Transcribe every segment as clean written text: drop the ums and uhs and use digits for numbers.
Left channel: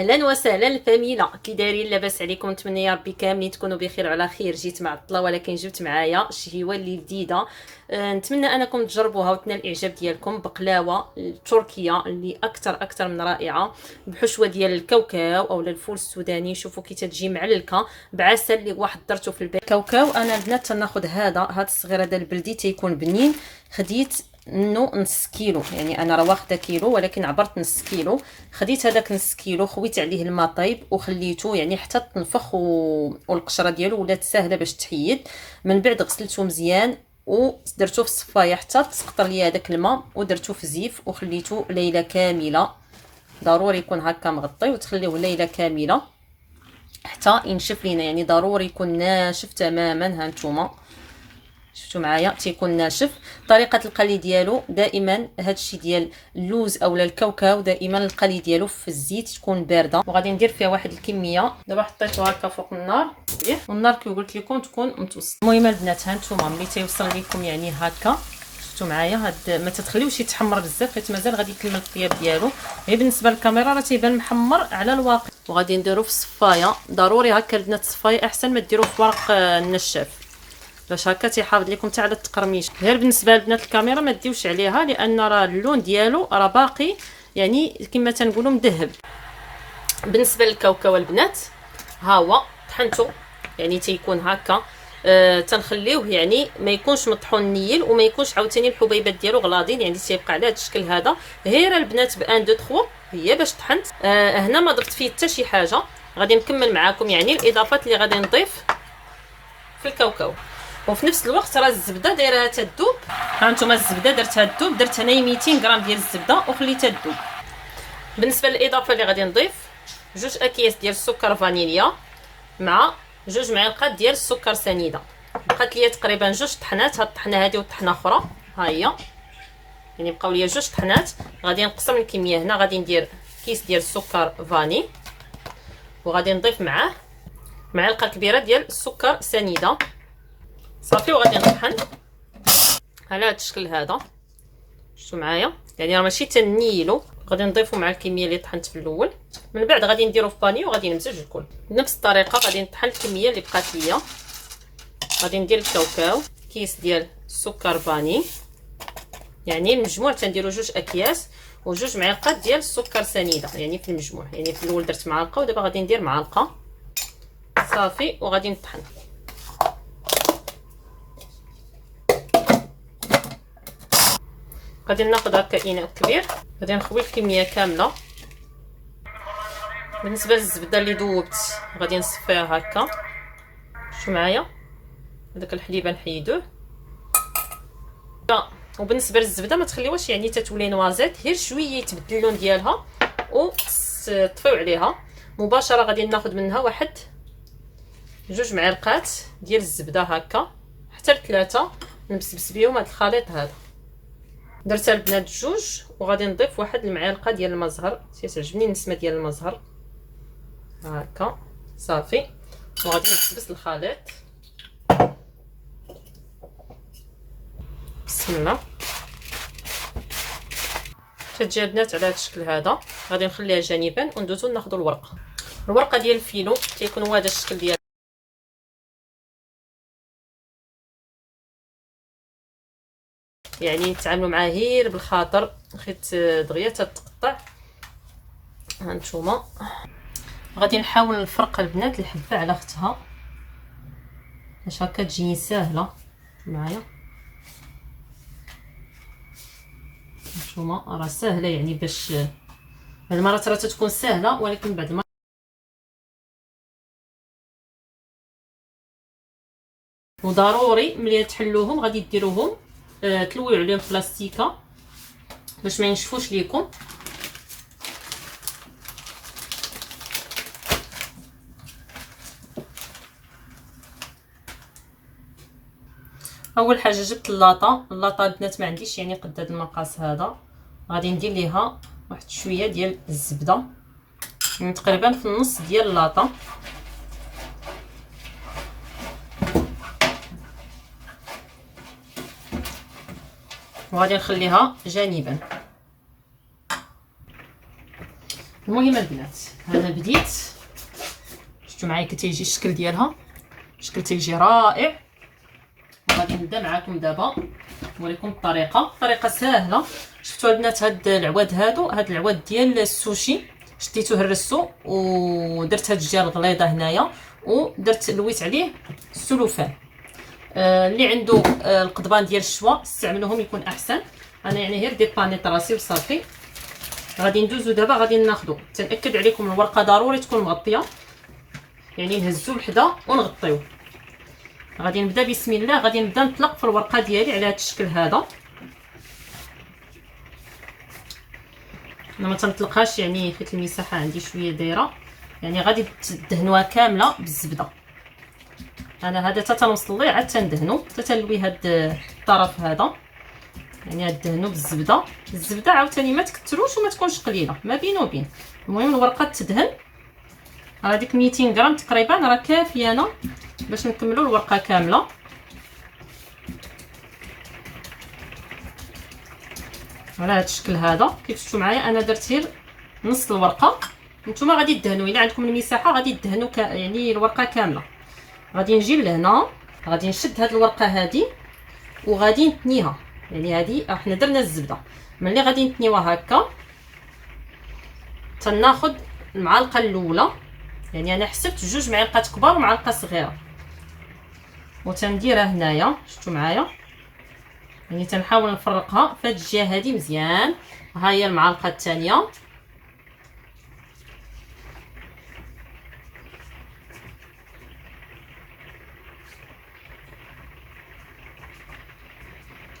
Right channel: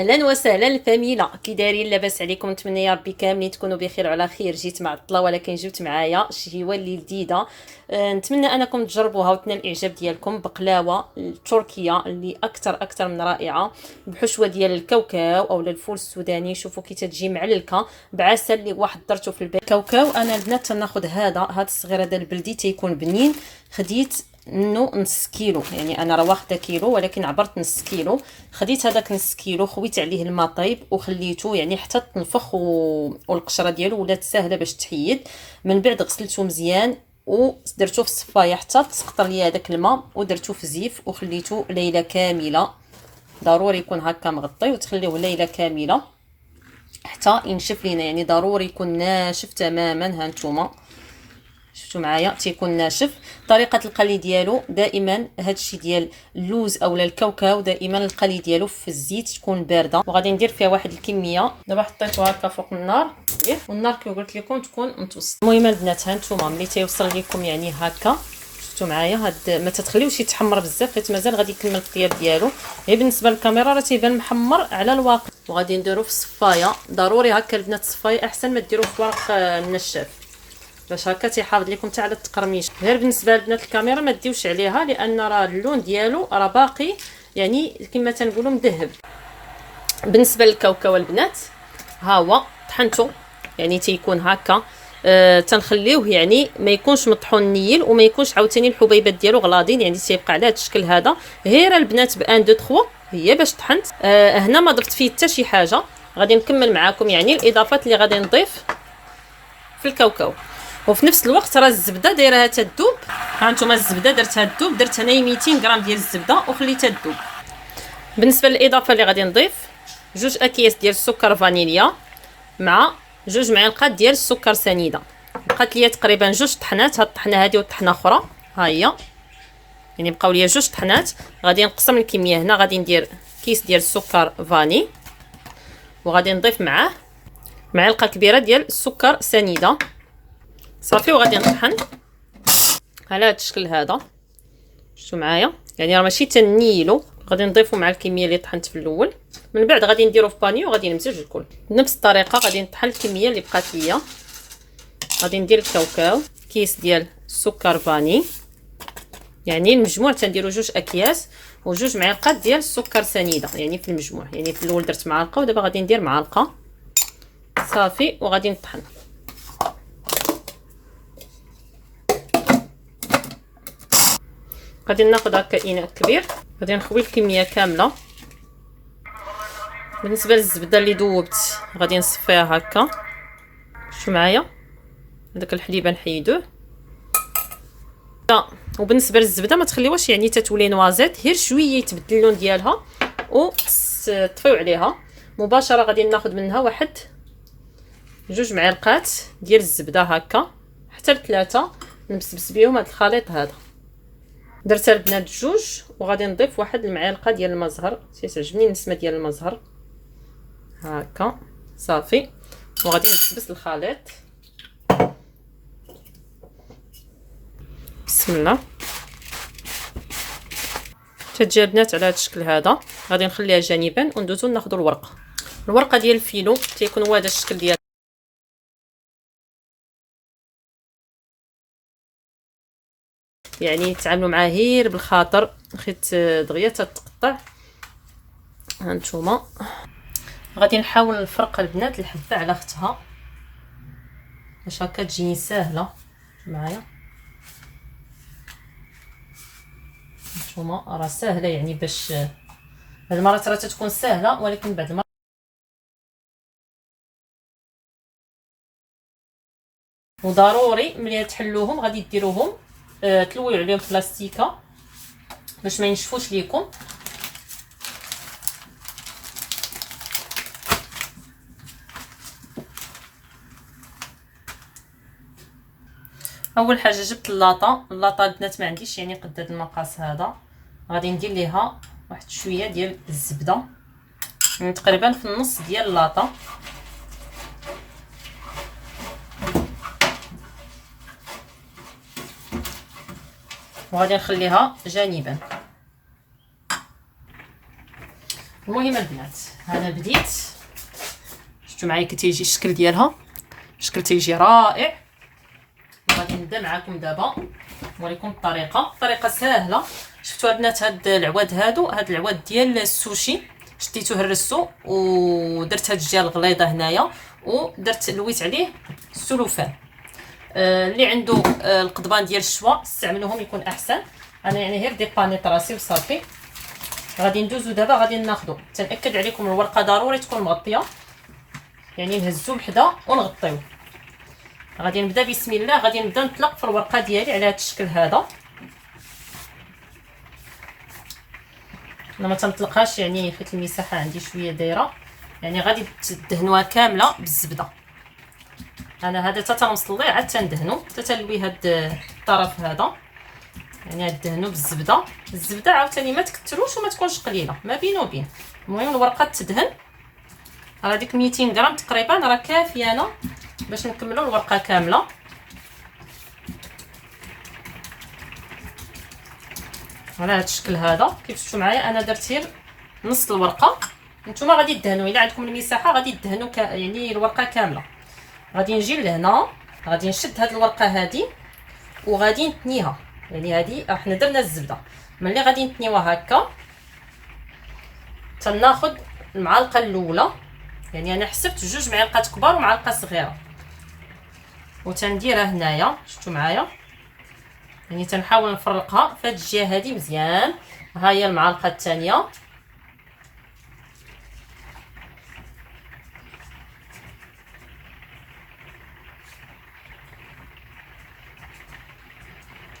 اهلا وسهلا الفاميله، كي دايرين؟ لاباس عليكم؟ نتمنى يا ربي كاملين تكونوا بخير وعلى خير. جيت معطله ولكن جبت معايا شي اللي جديده. نتمنى انكم تجربوها وتنال الاعجاب ديالكم. بقلاوه تركيه اللي اكثر من رائعه، بحشوه ديال الكاوكاو او الفول السوداني. شوفوا كي تتجي معلكه بعسل اللي واحد درته في البيت. كاوكاو انا البنات تناخذ هذا الصغير هذا البلدي تيكون بنين. خديت منه نص كيلو، يعني انا راه واخده كيلو ولكن عبرت نص كيلو. خديت هذاك نص كيلو، خويت عليه الماء طيب وخليته يعني حتى تنفخ والقشره ديالو ولات ساهله باش تحيد. من بعد غسلته مزيان ودرتو في الصفايه حتى تسقطر ليا هذاك الماء، ودرتو في زيف وخليته ليله كامله. ضروري يكون هكا مغطي وتخليوه ليله كامله حتى ينشف لينا، يعني ضروري يكون ناشف تماما. ها نتوما شفتوا معايا تيكون ناشف. طريقه القلي ديالو دائما هادشي ديال اللوز اولا الكاوكاو دائما القلي ديالو في الزيت تكون بارده، وغادي ندير فيها واحد الكميه. دابا حطيتو هكا فوق النار والنار كي قلت لكم تكون متوسط. المهم البنات ها نتوما ملي تيوصل لكم يعني هكا شفتوا معايا هاد ما تتخليوش يتحمر بزاف حيت مازال غادي يكمل الطياب ديالو. غير بالنسبه للكاميرا راه تيبان محمر على الواقع. وغادي نديرو في الصفايه، ضروري هكا البنات الصفايه احسن ما ديروه في ورق النشاف باش هكا تيحافظ لكم حتى على التقرميش. غير بالنسبه لبنات الكاميرا ما ديوش عليها لان راه اللون ديالو راه باقي يعني كما تنقولوا مذهب. بالنسبه للكاوكاو البنات ها هو طحنته يعني تيكون هكا. تنخليوه يعني ما يكونش مطحون نيل وما يكونش عاوتاني الحبيبات ديالو غلاضين، يعني تيبقى على هذا الشكل هذا. غير البنات بان دو 3 هي باش طحنت. هنا ما ضفت فيه حتى شي حاجه. غادي نكمل معاكم يعني الاضافات اللي غادي نضيف في الكاوكاو. وفي نفس الوقت راه الزبده دايرها تذوب. ها نتوما الزبده درتها تذوب، درت هنايا 200 غرام ديال الزبده وخليتها تذوب. بالنسبه للاضافه اللي غادي نضيف 2 اكياس ديال السكر فانيليا مع 2 معالق ديال السكر سنيده. بقات ليا تقريبا 2 طحنات، هاد الطحنه هذه والطحنه اخرى ها هي، يعني بقاو ليا 2 طحنات. غادي نقسم الكميه. هنا غادي ندير كيس ديال السكر فاني وغادي نضيف معاه معلقه كبيره ديال السكر سنيده صافي. وغادي نطحن على هذا الشكل هذا شفتوا معايا، يعني راه ماشي تنيلو. غادي نضيفو مع الكميه اللي طحنت في الاول. من بعد غادي نديرو في بانيو وغادي نمزج الكل بنفس الطريقه. غادي نطحن الكميه اللي بقات ليا. غادي ندير الكاوكاو كيس ديال السكر فاني، يعني المجموع تنديرو 2 اكياس و2 معالق ديال السكر سنيده، يعني في المجموع. يعني في الاول درت معلقه ودابا غادي ندير معلقه صافي. وغادي نطحن. غادي ناخذ هكا اناء كبير، غادي نخوي الكميه كامله. بالنسبه للزبده اللي ذوبت غادي نصفيها هكا شو معايا. هذاك الحليب نحيدوه. وبالنسبه للزبده ما تخليوهاش يعني تتولي نوازيت، غير شويه يتبدل اللون ديالها وتطفيو عليها مباشره. غادي ناخذ منها واحد 2 معالق ديال الزبده هكا حتى ل3 نبسبس بهم هذا الخليط هذا. درت البنات 2 وغادي نضيف واحد المعلقه ديال المزهر. تيعجبني النسمه ديال المزهر هكا صافي. وغادي نكبس الخليط بسم الله. تتجي البنات على هذا الشكل هذا. غادي نخليها جانبا وندوزو ناخذوا الورقه ديال الفيلو تيكون هو هذا الشكل ديال، يعني تعاملوا معاه غير بالخاطر حيت دغيا تتقطع. هانتوما غادي نحاول نفرق البنات الحبه على اختها باش هكا تجيني ساهله معايا. هانتوما راه ساهله يعني باش هاد المرات راه تتكون ساهله ولكن بعد ما وضروري ملي تحلوهم غادي ديروهم تلويو عليهم بلاستيكه باش ما ينشفوش ليكم. اول حاجه جبت اللاطه البنات ما عنديش يعني قد هذا المقاس هذا. غادي ندير ليها واحد شويه ديال الزبده يعني تقريبا في النص ديال اللاطه. وغادي نخليها جانبا. المهم البنات انا بديت، شفتوا معايا كتيجي الشكل ديالها، الشكل تيجي رائع. غادي نبدا معكم دابا نوريكم الطريقه سهله. شفتوا البنات هاد العواد هاد العواد ديال السوشي شديتوه هرستو ودرت هاد الجهه الغليظه هنايا ودرت لويت عليه السلوفان. اللي عنده القضبان ديال الشوا استعملوهم يكون احسن. انا يعني غير ديبانيت راسي وصافي. غادي ندوزو دابا غادي ناخذو، تنأكد عليكم الورقه ضروري تكون مغطيه، يعني نهزو بحدا ونغطيو. غادي نبدا بسم الله، غادي نبدا نطلق في الورقه ديالي على هذا الشكل هذا. انا ما تنطلقهاش يعني حيت المساحه عندي شويه دايره، يعني غادي تدهنوها كامله بالزبده. انا هذا حتى تنوصل ليه عاد تندهنو حتى تلوي هاد الطرف هذا، يعني دهنو بالزبده. الزبده عاوتاني ما تكثروش وما تكونش قليله، ما بين وبين. المهم الورقه تدهن. راه ديك 200 غرام تقريبا راه كافيه انا باش نكملوا الورقه كامله. على هذا الشكل هذا كيف شفتوا معايا انا درت غير نص الورقه. نتوما غادي تدهنوا الا عندكم المساحه غادي تدهنوا يعني الورقه كامله. غادي نجي لهنا، غادي نشد هذه الورقه هذه وغادي نتنيها، يعني هذه حنا درنا الزبده. ملي غادي نتنيوها هكا تناخذ المعلقه الاولى، يعني انا حسبت 2 معالق كبار ومعلقه صغيره وتنديرها هنايا. شفتوا معايا يعني تنحاول نفرقها في هذه الجهه هذه مزيان. ها هي المعلقه الثانيه،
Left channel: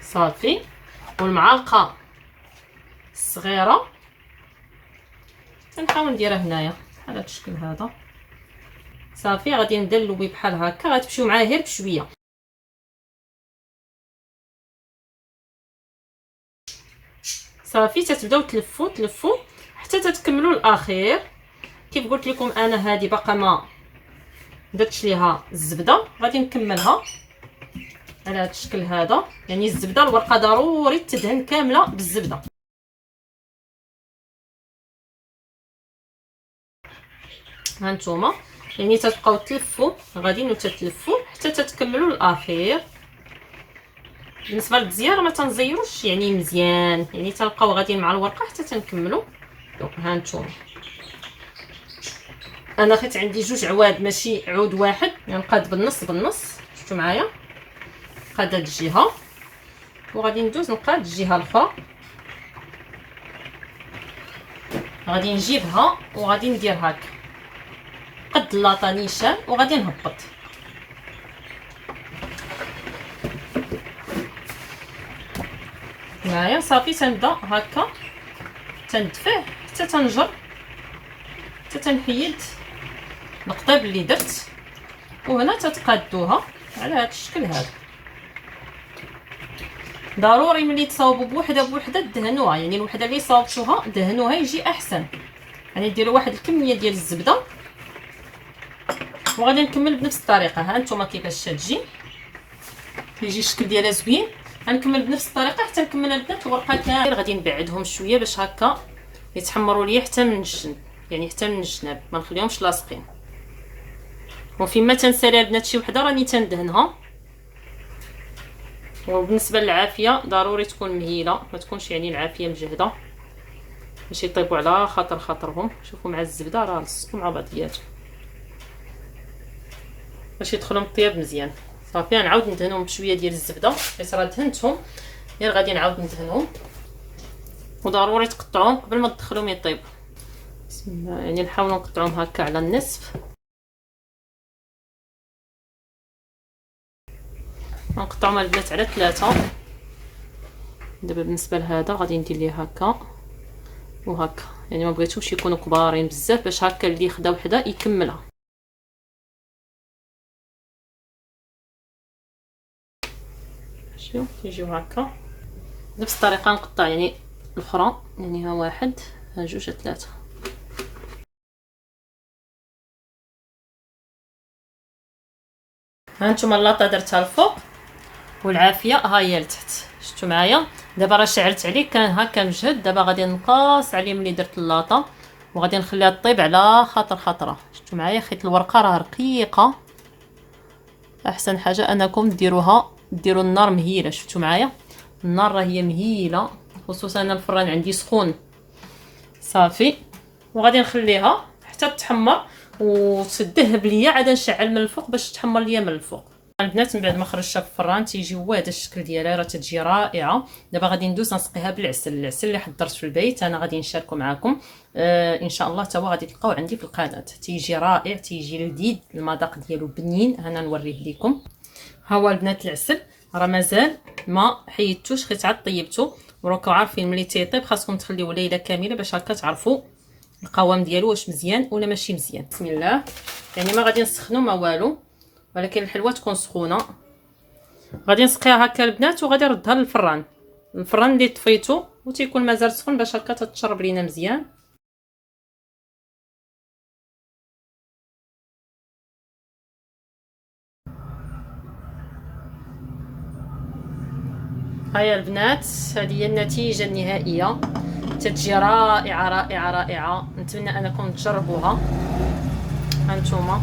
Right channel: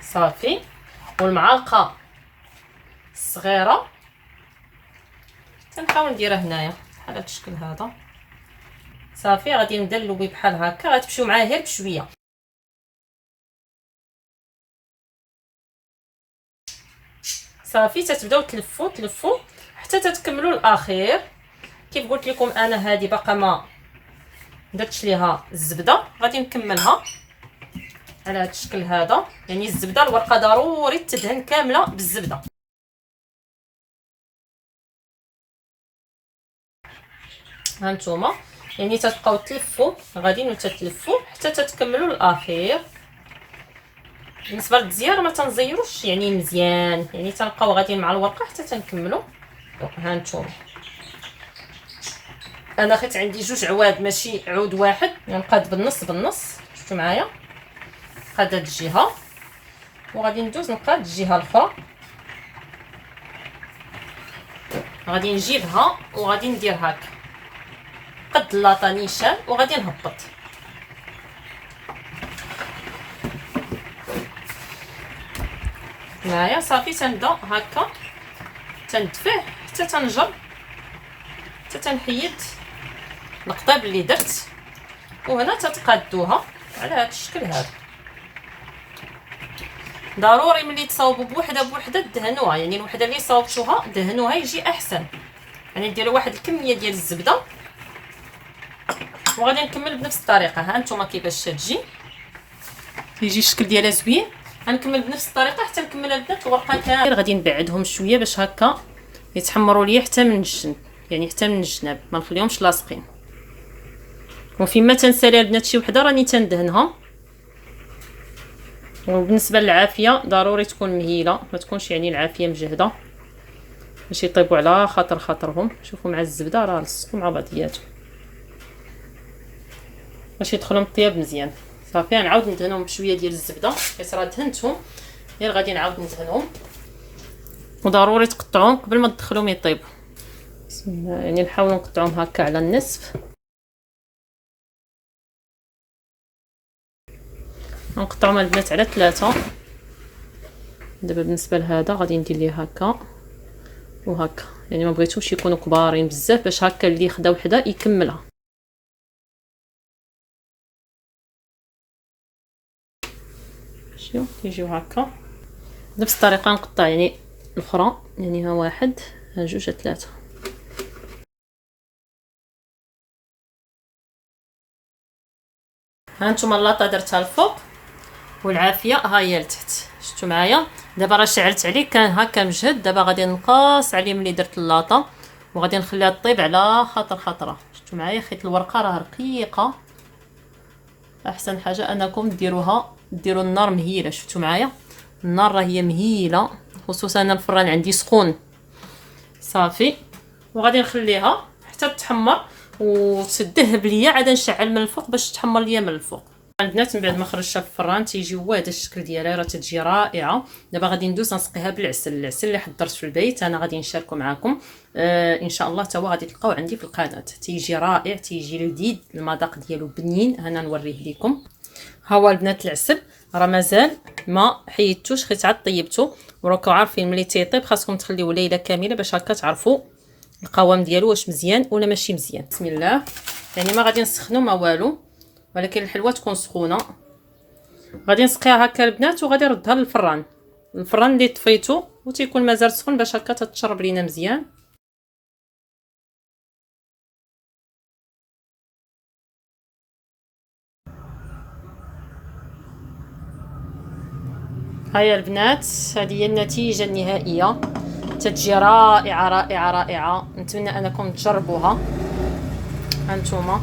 صافي. والمعلقه الصغيره تنحاول نديرها هنايا بحال هذا الشكل هذا. صافي غادي نبدا نلوي بحال هكا، غتمشيو معايا غير بشويه. صافي تتبداو تلفوا حتى تتكملوا الاخير. كيف قلت لكم انا هذه باقا ما درتش ليها الزبده، غادي نكملها على هذا الشكل هذا. يعني الزبده الورقه ضروري تدهن كامله بالزبده. ها نتوما يعني تتبقاو تلفوا غاديين وتتلفوا حتى تتكملوا الاخير. بالنسبه للزيار ما تنزيروش يعني مزيان، يعني تنبقاو غاديين مع الورقه حتى تنكملوا. ها نتوما انا خيت عندي 2 عواد ماشي عود واحد، غنقاد بالنص شفتوا معايا. قاد هاد الجهه وغادي ندوز نقاد الجهه الاخرى. غادي نجيبها وغادي ندير هكا قد لاطه نيشان وغادي نهبط. معايا صافي تنبدا هكا تندفع حتى تنجر حتى تنحيد القضاب اللي درت. وهنا تتقادوها على هذا الشكل هذا. ضروري ملي تصاوبوا بوحده دهنوها، يعني الوحده اللي صاوبتوها دهنوها يجي احسن. يعني ديروا واحد الكميه ديال الزبده وغادي نكمل بنفس الطريقه. ها نتوما كيفاش تجي يجي الشكل ديالها زوين. غنكمل بنفس الطريقه حتى نكمل البنات الورقه كامله. غادي نبعدهم شويه باش هكا يتحمروا ليا حتى من الجنب، يعني حتى من الجناب ما نخليهمش لاصقين. وفيما تنسالي البنات شي وحده راني تندهنها. وبالنسبه للعافيه ضروري تكون مهيله، ما تكونش يعني العافيه مجهده باش يطيبوا على خاطرهم. شوفوا مع الزبده راه لصقوا مع بعضياتهم باش يدخلوا الطياب مزيان. صافي غنعاود ندهنهم بشويه ديال الزبده حيت راه دهنتهم، غير غادي نعاود ندهنهم. وضروري تقطعوهم قبل ما تدخلوهم يطيبوا. بسم الله، يعني نحاولوا نقطعوهم هكا على النصف. نقطعهم البنات على 3. دابا بالنسبه لهذا غادي ندير ليه هكا وهكا، يعني ما بغيتهمش يكونوا كبارين بزاف باش هكا اللي خدا وحده يكملها. شوف كيجيو هكا بنفس الطريقه. نقطع يعني الاخرى، يعني ها 1 ها 2 ها 3. ها نتوما اللاطه درتها الفوق والعافيه ها هي لتحت. شفتوا معايا دابا راه شعلت عليه كان هكا مجهد. دابا غادي نقاص عليه ملي درت اللاطه وغادي نخليها طيب على خطره. شفتوا معايا خيط الورقه راه رقيقه. احسن حاجه انكم ديروا النار مهيله. شفتوا معايا النار راه هي مهيله، خصوصا انا الفران عندي سخون. صافي وغادي نخليها حتى تحمر وتدهب ليا، عاد نشعل من الفوق باش تحمر ليا من الفوق. البنات من بعد ما خرجتها في الفران تيجي هو هذا الشكل ديالها، راه تتجي رائعه. دابا غادي ندوز نسقيها بالعسل. العسل اللي حضرت في البيت انا غادي نشاركه معكم ان شاء الله، حتى هو غادي تلقاوه عندي في القناه. تيجي رائع، تيجي لذيذ، المذاق ديالو بنين. انا نوريه لكم. ها هو البنات العسل راه مازال ما حيدتوش، حيت عاد طيبته. وراكم عارفين ملي تيطيب خاصكم تخليوه ليله كامله باش هكا تعرفوا القوام ديالو واش مزيان ولا ماشي مزيان. بسم الله. يعني ما غادي نسخنوا ما والو، ولكن الحلوه تكون سخونه. غادي نسقيها هكا البنات وغادي نردها للفران، الفران اللي طفيتو وتيكون مازال سخون باش هكا تتشرب لينا مزيان. هيا البنات هذه هي النتيجه النهائيه، تتجي رائعه رائعه رائعه. نتمنى انكم تجربوها. هانتوما